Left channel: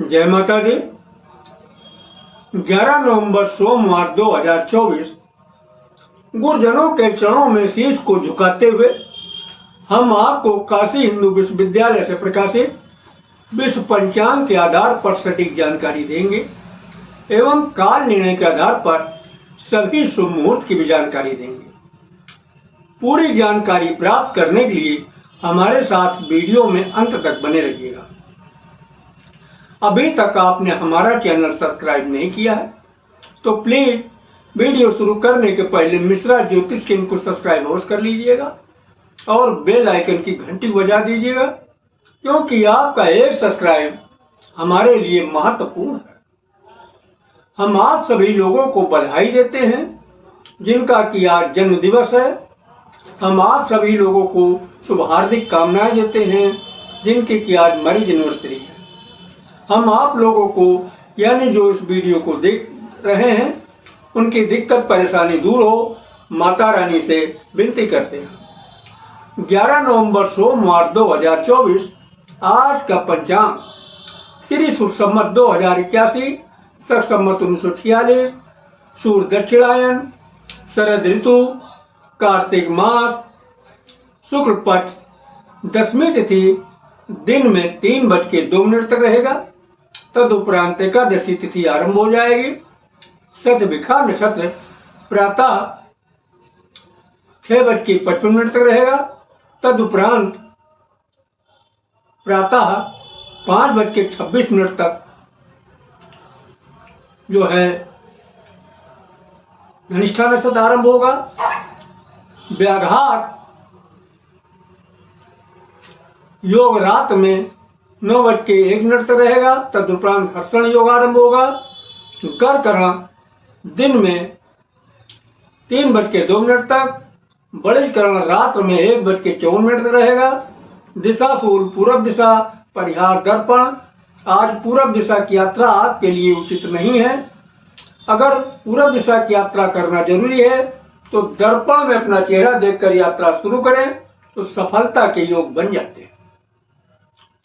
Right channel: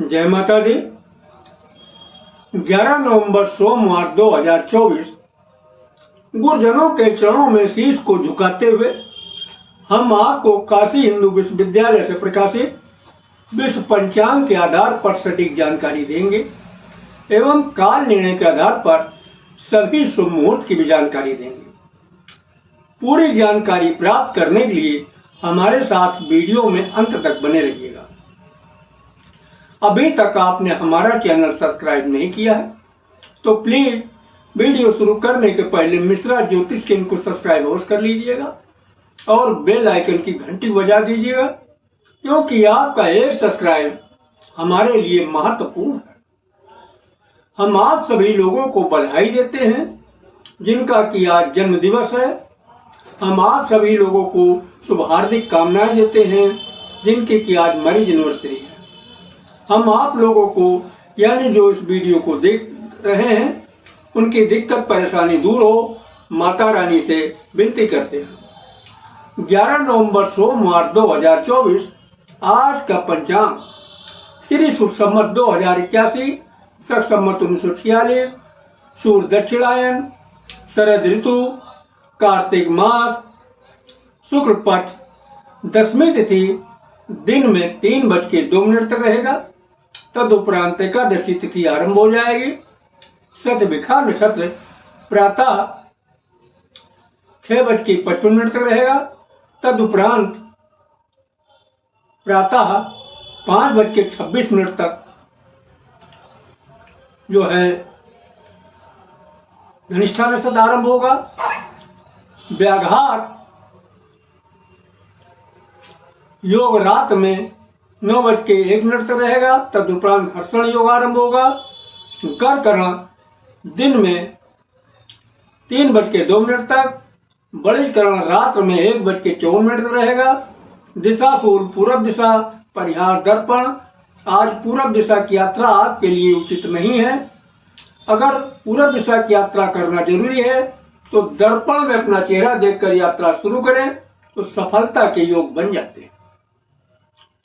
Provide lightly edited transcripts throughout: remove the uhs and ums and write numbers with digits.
जय माता दी। 11 नवंबर सोमवार 2024 गुरुजनों के चरणों में शीश को झुकाते हुए हम आपको काशी हिंदू विश्वविद्यालय से प्रकाशित विश्व पंचांग के आधार पर सटीक जानकारी देंगे एवं काल निर्णय के आधार पर सभी शुभ मुहूर्त की भी जानकारी देंगे। पूरी जानकारी प्राप्त करने के लिए हमारे साथ वीडियो में अंत तक बने रहिएगा। अभी तक आपने हमारा चैनल सब्सक्राइब नहीं किया है तो प्लीज वीडियो शुरू करने के पहले मिश्रा ज्योतिष के इनको सब्सक्राइब अवश्य कर लीजिएगा और बेल आइकन की घंटी बजा दीजिएगा, क्योंकि आपका एक सब्सक्राइब हमारे लिए महत्वपूर्ण है। हम आप सभी लोगों को बधाई देते हैं जिनका कि आज जन्म दिवस है। हम आप सभी लोगों को शुभ हार्दिक कामनाएं देते हैं जिनकी कि आज मैरिज एनिवर्सरी है। हम आप लोगों को यानी जो इस वीडियो को देख रहे हैं उनकी दिक्कत परेशानी दूर हो माता रानी से विनती करते हैं। 11 नवंबर सोमवार 2024 आज का पंचांग श्री सुर संवत 2081 शक संवत 1946 सूर्य दक्षिणायन शरद ऋतु कार्तिक मास शुक्ल पक्ष दशमी तिथि दिन में 3:02 तक रहेगा। तदुपरांत एकादशी तिथि आरंभ हो जाएगी। शतभिखा नक्षत्र प्रातः 6:55 तक रहेगा। तदुपरांत प्रातः 5:26 तक जो है धनिष्ठा नक्षत्र आरंभ होगा। व्याघात योग रात में 9:01 तक रहेगा। तदुपरांत हर्षण योग आरंभ होगा। कर्कण दिन में 3:02 तक, बड़ीकरण रात्र में 1:54 तक रहेगा। दिशा शूल पूर्व दिशा, परिहार दर्पण। आज पूर्व दिशा की यात्रा आपके लिए उचित नहीं है। अगर पूर्व दिशा की यात्रा करना जरूरी है तो दर्पण में अपना चेहरा देखकर यात्रा शुरू करें तो सफलता के योग बन जाते हैं।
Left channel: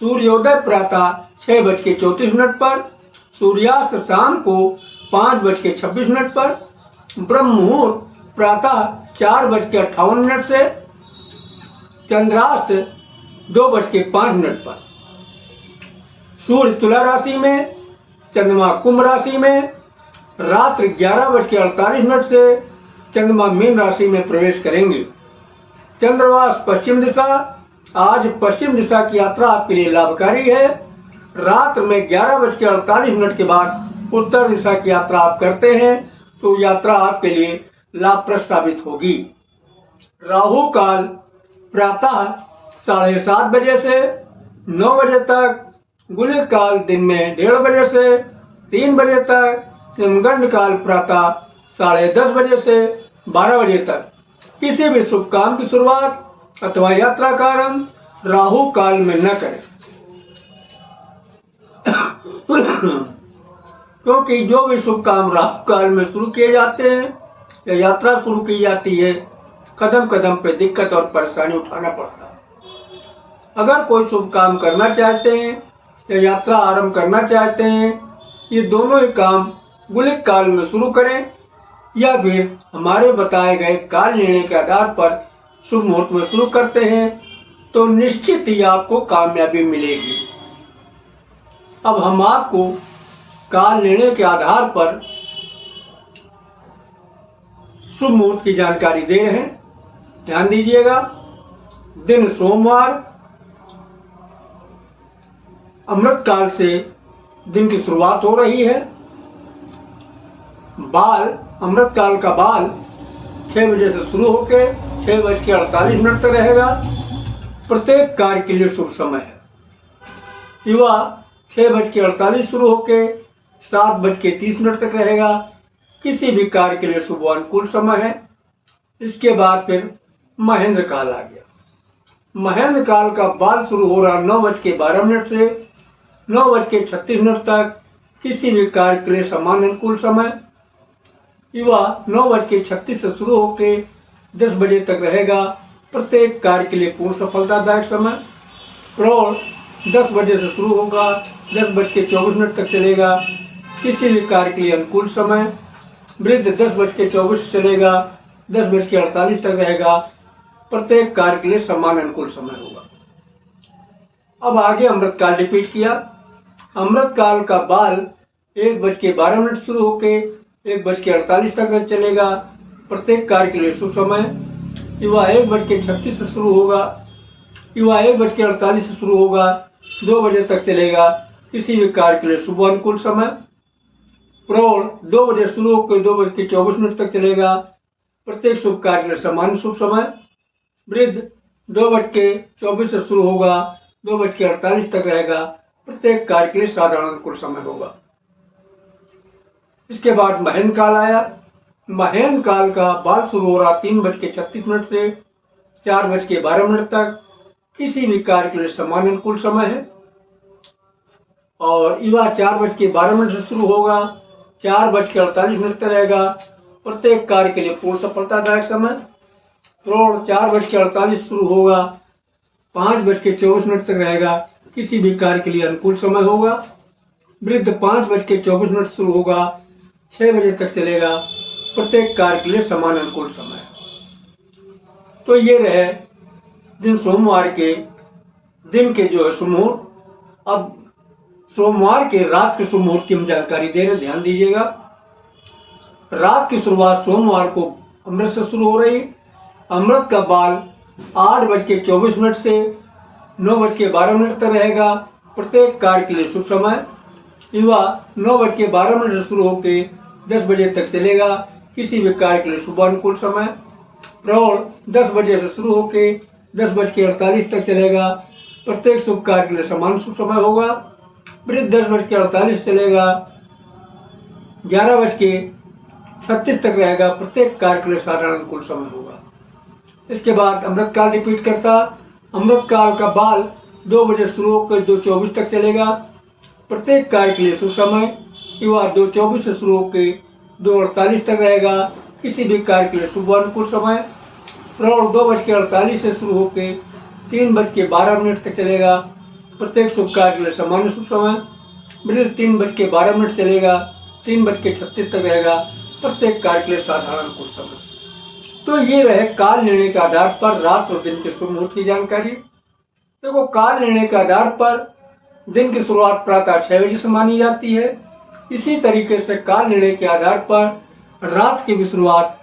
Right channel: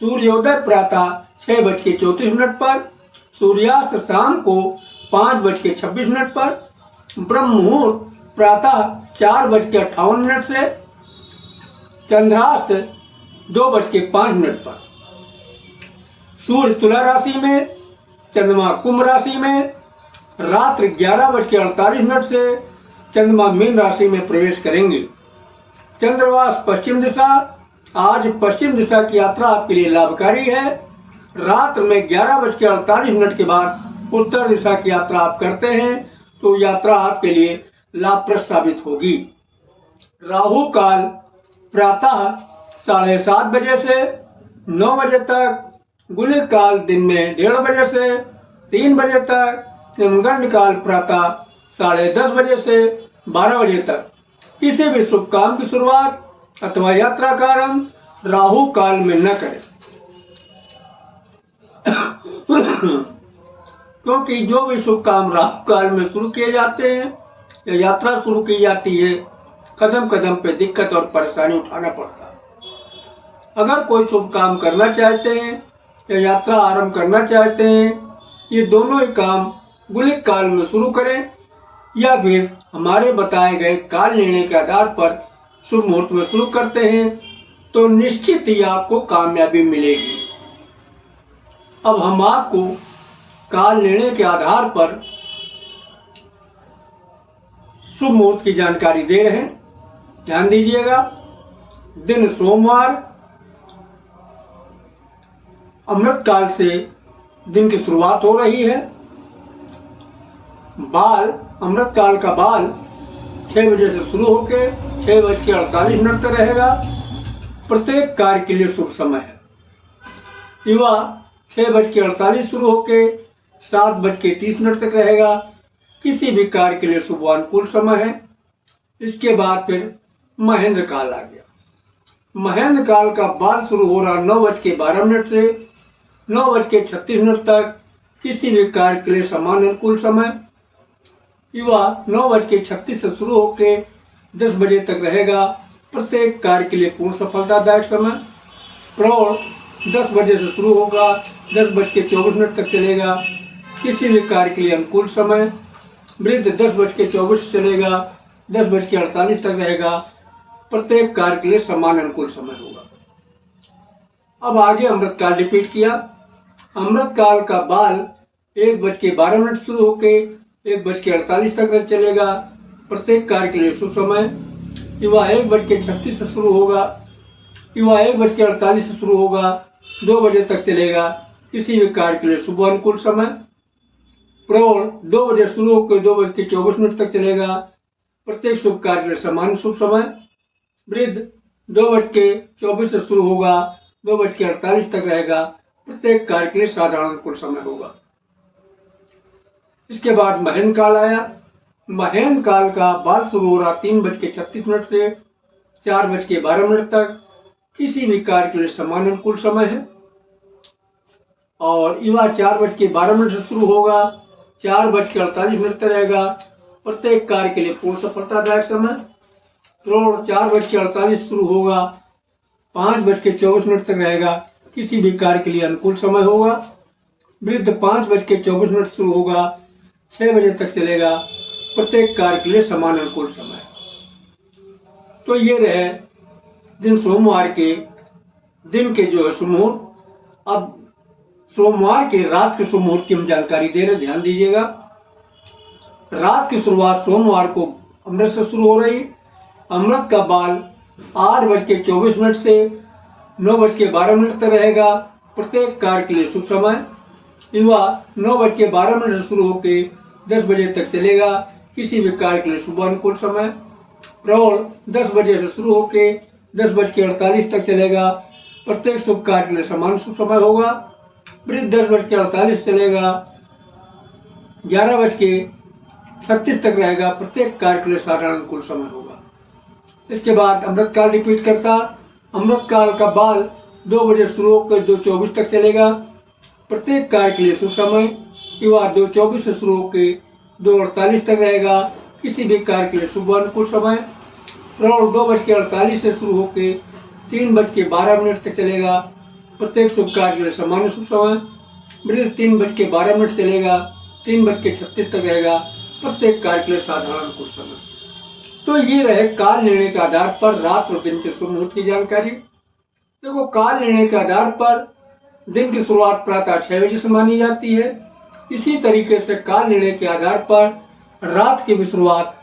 सूर्योदय प्रातः 6:34 पर, सूर्यास्त शाम को 5:26 पर, ब्रह्म मुहूर्त प्रातः 4:58 से, चंद्रास्त 2:05 पर। सूर्य तुला राशि में, चंद्रमा कुंभ राशि में, रात्रि 11:48 से चंद्रमा मीन राशि में प्रवेश करेंगे। चंद्रवास पश्चिम दिशा। आज पश्चिम दिशा की यात्रा आपके लिए लाभकारी है। रात में 11:48 के बाद उत्तर दिशा की यात्रा आप करते हैं तो यात्रा आपके लिए लाभप्रद साबित होगी। राहु काल प्रातः 7:30 बजे से 9 बजे तक, गुलिक काल दिन में 1:30 बजे से 3 बजे तक, यमगंड काल प्रातः 10:30 बजे से 12 बजे तक। किसी भी शुभ काम की शुरुआत अथवा यात्रा का आरंभ राहु काल में न करें, क्योंकि जो भी शुभ काम राहु काल में शुरू किए जाते हैं या यात्रा शुरू की जाती है, कदम कदम पे दिक्कत और परेशानी उठाना पड़ता है। अगर कोई शुभ काम करना चाहते हैं या यात्रा आरंभ करना चाहते हैं, ये दोनों ही काम गुलिक काल में शुरू करें या फिर हमारे बताए गए काल निर्णय के आधार पर शुभ मुहूर्त में शुरू करते हैं तो निश्चित ही आपको कामयाबी मिलेगी। अब हम आपको काल निर्णय के आधार पर शुभ मुहूर्त की जानकारी दे रहे हैं, ध्यान दीजिएगा। दिन सोमवार, अमृत काल से दिन की शुरुआत हो रही है। बाल अमृत काल का बाल 6 बजे से शुरू होकर 6:48 तक रहेगा। प्रत्येक कार्य के लिए शुभ समय है। युवा 6:48 शुरू होकर 7:30 तक रहेगा। किसी भी कार्य के लिए शुभ अनुकूल समय है। इसके बाद फिर महेंद्र काल आ गया। महेंद्र काल का बाल शुरू हो रहा 9:12 से 9:36 तक। किसी भी कार्य के लिए समान अनुकूल समय। युवा 9:36 से शुरू होकर 10 बजे तक रहेगा। प्रत्येक कार्य के लिए पूर्ण सफलतादायक समय। प्रौढ़ 10 बजे से शुरू होगा, 10:24 तक चलेगा। किसी भी कार्य के लिए अनुकूल समय। वृद्ध 10:24 से चलेगा, 10:48 तक रहेगा। प्रत्येक कार्य के लिए समान अनुकूल समय होगा। अब आगे अमृतकाल रिपीट किया। अमृतकाल का बाल 1:12 शुरू होके 1:48 तक चलेगा। प्रत्येक कार्य के लिए शुभ समय। युवा 1:36 से शुरू होगा, युवा 1:48 से शुरू होगा, 2 बजे तक चलेगा। किसी भी कार्य के लिए शुभ अनुकूल समय। प्रौढ़ 2 बजे शुरू होकर 2:24 तक चलेगा। प्रत्येक शुभ कार्य के लिए समान शुभ समय। वृद्ध 2:24 से शुरू होगा, 2:48 तक रहेगा। प्रत्येक कार्य के लिए साधारण अनुकूल समय होगा। इसके बाद महेंद्र काल आया। महेंद्र काल का बाल शुरू हो रहा 3:36 से 4:12 तक। किसी भी कार्य के लिए समान अनुकूल समय है। और युवा 4:12 से शुरू होगा, 4:48 तक रहेगा। प्रत्येक कार्य के लिए पूर्ण सफलतादायक समय। प्रौढ़ 4:48 शुरू होगा, 5:24 तक रहेगा। किसी भी कार्य के लिए अनुकूल समय होगा। वृद्ध 5:24 शुरू होगा, 6 बजे तक चलेगा। प्रत्येक कार्य के लिए समान अनुकूल समय। तो ये रहे दिन सोमवार के दिन के जो है शुभ मुहूर्त। अब सोमवार के रात के शुभ मुहूर्त की हम जानकारी दे रहे, ध्यान दीजिएगा। रात की शुरुआत सोमवार को अमृत से शुरू हो रही। अमृत का बाल 8:24 से 9:12 तक रहेगा। प्रत्येक कार्य के लिए शुभ समय। युवा 9:12 से शुरू होकर 10 बजे तक चलेगा। किसी भी कार्य के लिए शुभ अनुकूल समय। प्रौढ़ 10 बजे से शुरू होकर 10:48 तक चलेगा। प्रत्येक शुभ कार्य के लिए समान शुभ समय होगा। वृद्ध 10:48 चलेगा, 11:36 तक रहेगा। प्रत्येक कार्य के लिए साधारण अनुकूल समय होगा। इसके बाद अमृतकाल रिपीट करता। अमृतकाल का बाल 2 बजे शुरू होकर 2:24 तक चलेगा। प्रत्येक कार्य के लिए शुभ समय। युवा 2:24 से शुरू होकर 2:48 तक रहेगा। किसी भी कार्य के लिए शुभ अनुकूल समय। प्रौढ़ 2:48 से शुरू होकर 3:12 तक चलेगा। प्रत्येक शुभ कार्य के लिए समान शुभ समय। वृद्ध 3:12 चलेगा, 3:36 तक रहेगा। प्रत्येक कार्य के लिए साधारण अनुकूल समय। तो ये रहे काल निर्णय के आधार पर रात और दिन के शुभ मुहूर्त की जानकारी। देखो, काल निर्णय के आधार पर दिन की शुरुआत प्रातः 6 बजे से मानी जाती है। इसी तरीके से काल निर्णय के आधार पर रात की भी शुरुआत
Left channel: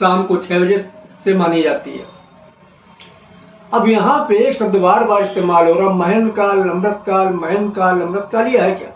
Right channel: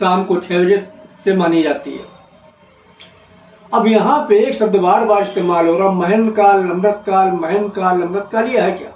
शाम को 6 बजे से मानी जाती है। अब यहाँ पे एक शब्द बार बार इस्तेमाल हो रहा, महेंद्र काल, अमृतकाल, महेंद्र काल, अमृतकाल। ये है क्या?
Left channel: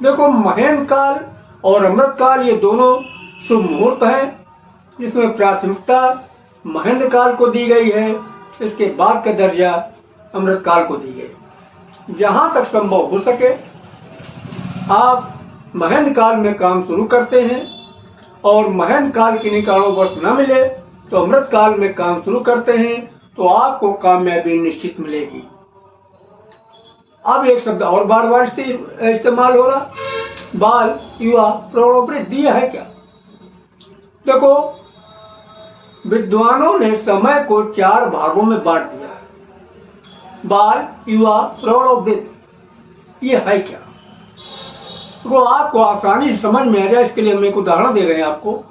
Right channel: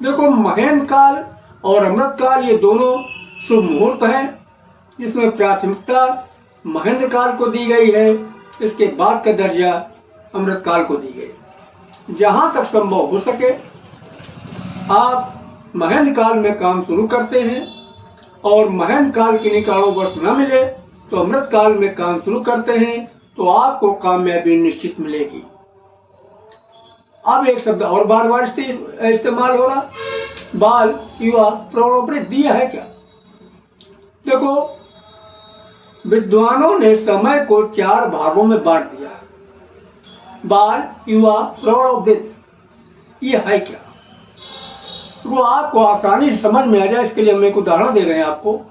देखो, महेंद्र काल और अमृतकाल ये दोनों शुभ मुहूर्त हैं, जिसमें प्राथमिकता महेंद्र काल को दी गई है। इसके बाद का दर्जा अमृतकाल को दी गई। जहां तक संभव हो सके आप महेंद्र काल में काम शुरू करते हैं और महेंद्र काल के कारणवश न मिले तो अमृत काल में काम शुरू करते हैं, तो आपको कामयाबी निश्चित मिलेगी। अब एक शब्द और बार बार इस्तेमाल हो रहा, बाल, युवा, प्रौढ़, वृद्ध। दिया है क्या? देखो, विद्वानों ने समय को 4 भागों में बांट दिया है। बाल, युवा, प्रौढ़, वृद्ध। ये है क्या? वो आपको आसानी से समझ में आ जाए, इसके लिए हम एक उदाहरण दे रहे हैं आपको।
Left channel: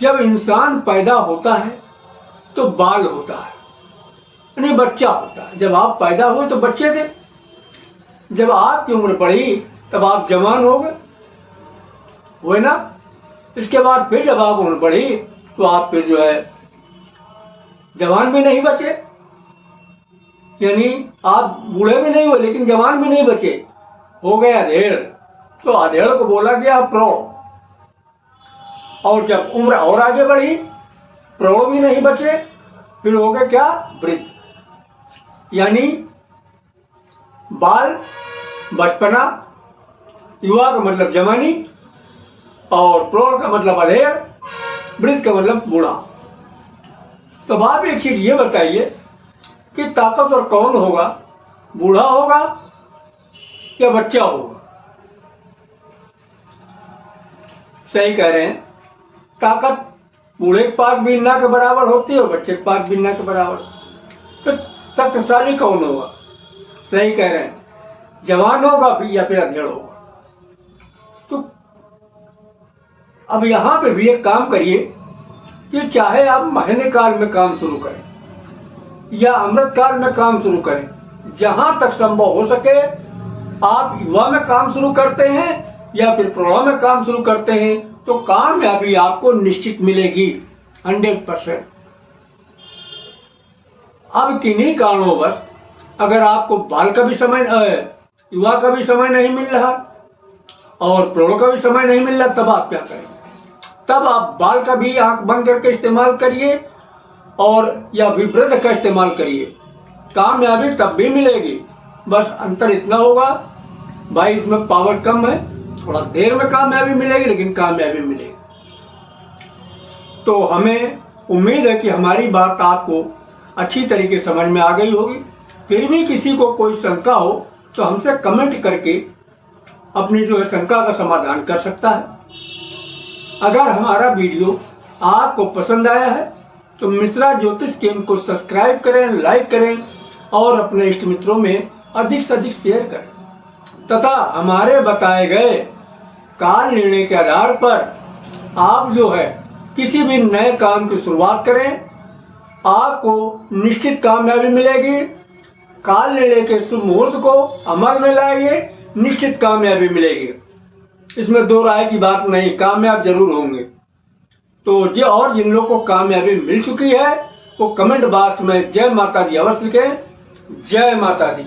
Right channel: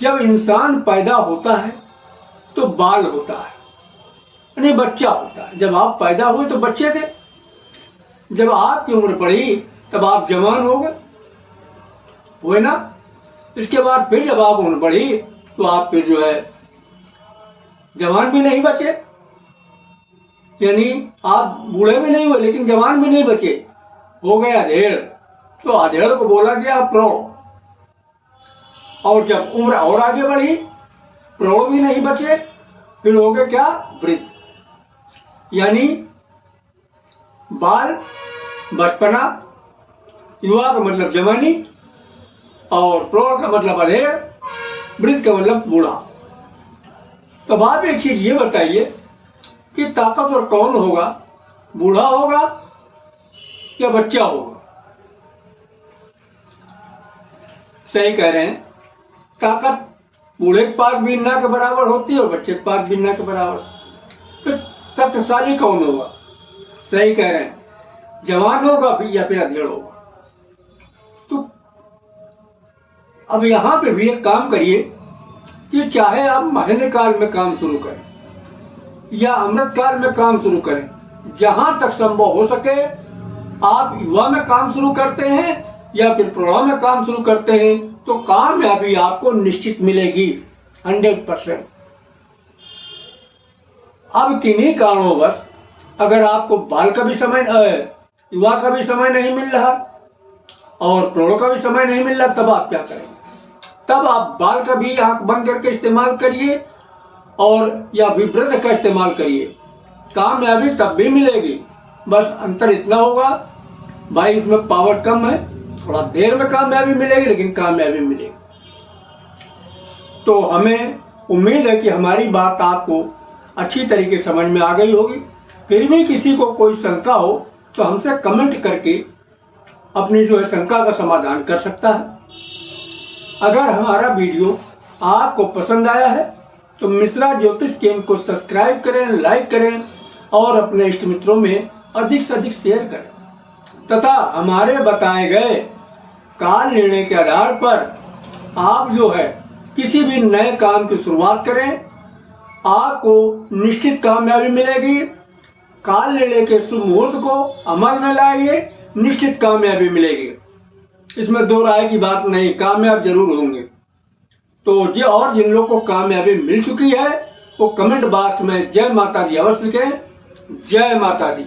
जब इंसान पैदा होता है तो बाल होता है, यानी बच्चा होता है। जब आप पैदा हुए तो बच्चे थे, जब आपकी उम्र बढ़ी तब आप जवान हो गए, हुए ना। इसके बाद फिर जब आप उम्र बढ़ी तो आप फिर जो है जवान भी नहीं बचे, यानी आप बूढ़े भी नहीं हुए लेकिन जवान भी नहीं बचे, हो गए अधेड़। तो अधेड़ को बोला गया प्रौढ़। और जब उम्र और आगे बढ़ी, प्रौढ़ भी नहीं बचे, फिर हो गए क्या? वृद्ध। यानी बाल बचपना, युवा का मतलब जवानी, और प्रौढ़ का मतलब अधेड़, वृद्ध का मतलब बूढ़ा। तब आप एक चीज ये बताइए कि ताकतवर कौन होगा, बूढ़ा होगा या बच्चा होगा? सही कह रहे हैं, ताकत बूढ़े के पास भी ना के बराबर होती है और बच्चे के पास भी ना के बराबर। तो शक्तिशाली कौन होगा? सही कह रहे हैं, जवान होगा या फिर अधेड़ होगा। तो अब यहां पे भी एक काम करिए कि चाहे आप महीने काल में काम शुरू करें या अमृत काल में काम शुरू करें, जहां तक संभव हो सके आप युवा में काम शुरू करते हैं या फिर प्रौढ़ में काम शुरू करते हैं तो कामयाबी आपको निश्चित मिलेगी 100%। अब किन्हीं कारणोंवश अगर आपको बाल का भी समय, युवा का भी समय नहीं मिल रहा और प्रौढ़ का भी समय नहीं मिल रहा, तब आप क्या करेंगे? तब आप बाल का भी आंख बंद करके इस्तेमाल करिए और या फिर वृद्ध का इस्तेमाल करिए, कामयाबी तब भी मिलेगी। बस अंतर इतना होगा भाई इसमें पावर कम है, थोड़ा देर में कामयाबी मिलेगी लेकिन कामयाबी मिलेगी। तो हमें उम्मीद है कि हमारी बात आपको अच्छी तरीके समझ में आ गई होगी। फिर भी किसी को कोई शंका हो तो हमसे कमेंट करके अपनी जो है शंका का समाधान कर सकता है। अगर हमारा वीडियो आपको पसंद आया है तो मिश्रा ज्योतिष केंद्र को सब्सक्राइब करें, लाइक करें और अपने इष्ट मित्रों में अधिक से अधिक शेयर करें तथा हमारे बताए गए काल निर्णय के आधार पर आप जो है किसी भी नए काम की शुरुआत करें, आपको निश्चित कामयाबी मिलेगी। काल निर्णय के शुभ मुहूर्त को अमल में लाइए, निश्चित कामयाबी मिलेगी, इसमें दो राय की बात नहीं, कामयाब जरूर होंगे। तो ये और जिन लोगों को कामयाबी मिल चुकी है वो कमेंट बॉक्स में जय माता दी अवश्य लिखें। जय माता दी।